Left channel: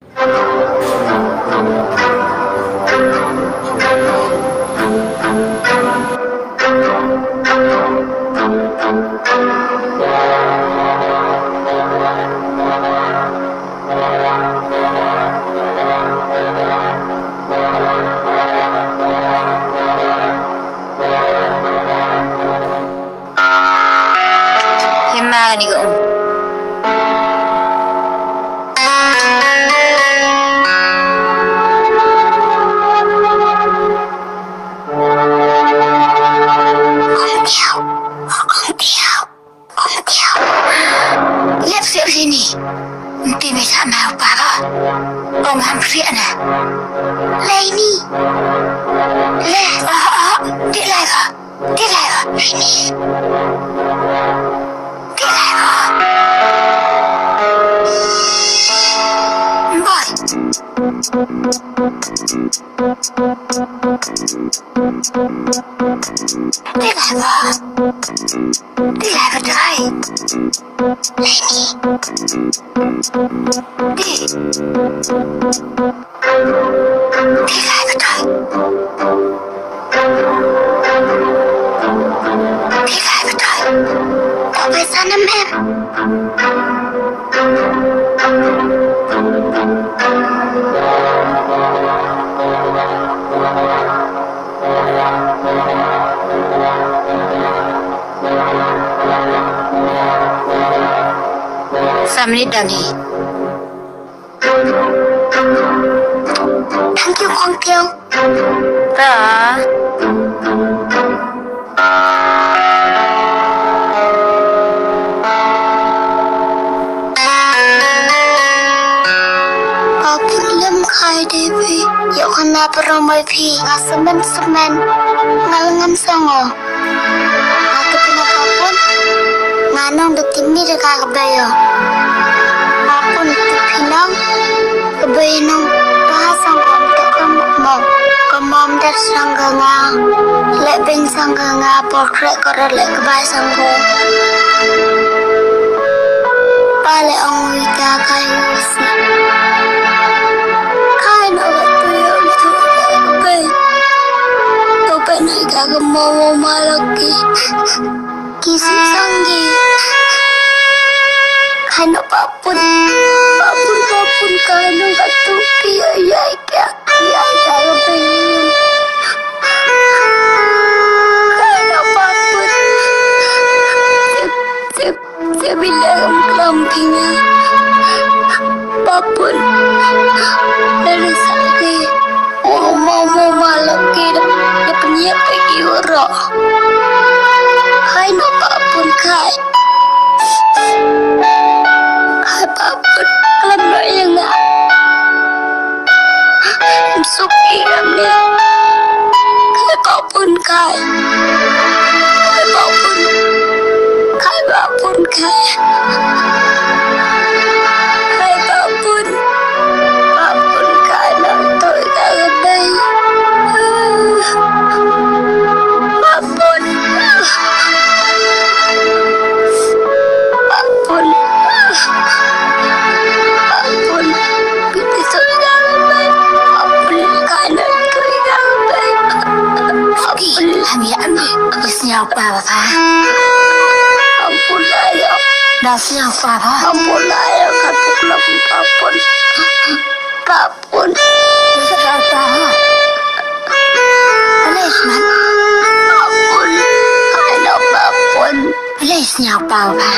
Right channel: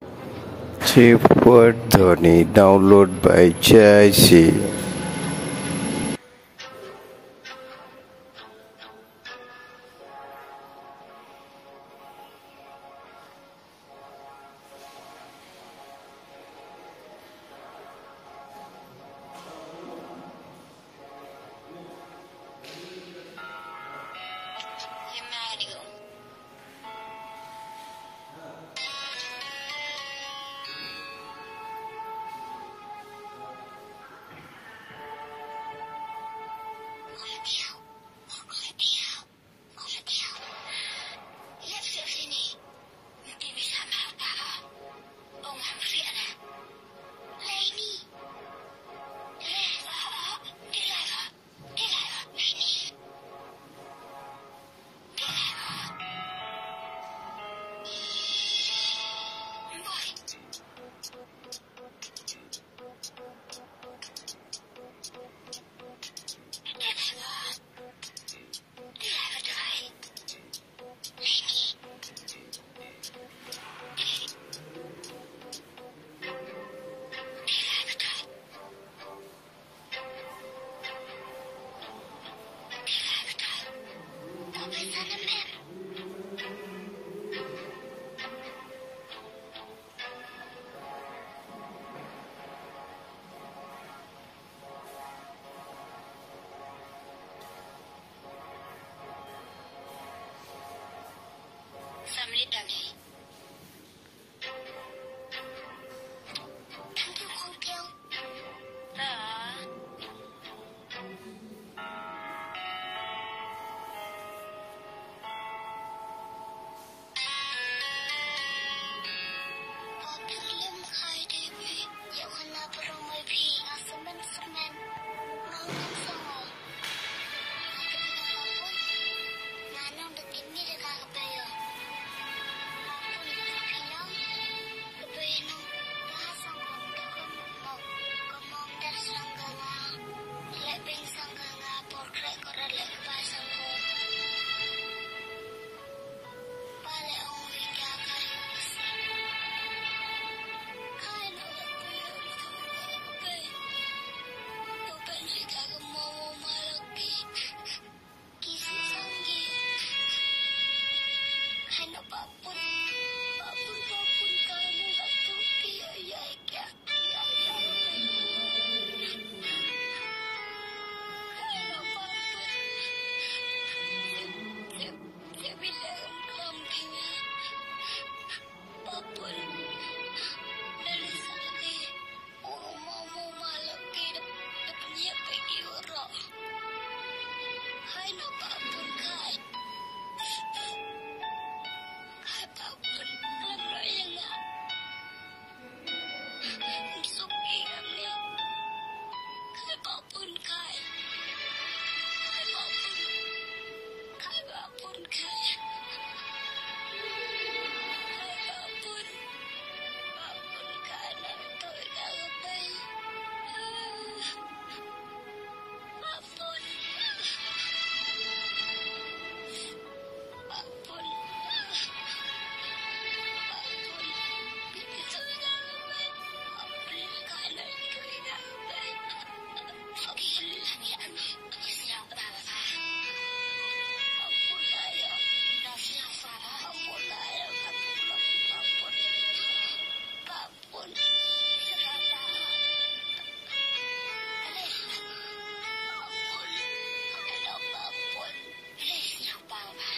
Chip Tony download by Jesse. Gimana nih Om? Lihat siap sini. Nanti bisa mau apa? Om hampir na. Lai ni. Dia lai ba? Dia lai ba? Ini. Dia lai ba? Boy. Dia lai ba? Dia lai ba try? Ini. Dia lai ba try? Dia lai ba try? Tak boleh sana mem. Menit dah ni. Thank you, Kong Tiong. Dah. Aku lem kai Devi. Yuk kena peramai pi. Ngasemen semen. Ngalengan songo. Aku pindah kapun. Nganong detimi dekat kebayo. Pinang kebainong bahasang kom tak kemom dah sangganga lebeng sangganga portrait korat lek kebai sanggo pale ong wita kayu si kai no tuyo itu kebai tope nai ka kemom malaki kisi sanggi kai no papun kano katu ayay pengen kano papun saya bilang kelampinya papun dari sakit mau malam kita dia punya pergi orang kano papun kai papun kelampinya yang nggak suki kami apapun kai apapun kai nak tôi cả ở đây apapun siapa apa? Ampun ayah. Dah siapa apa? Ampun ayah kata belum papun. Papun. Siapa? Alisman. Ampun. Ayah papun. Alis siapa apa?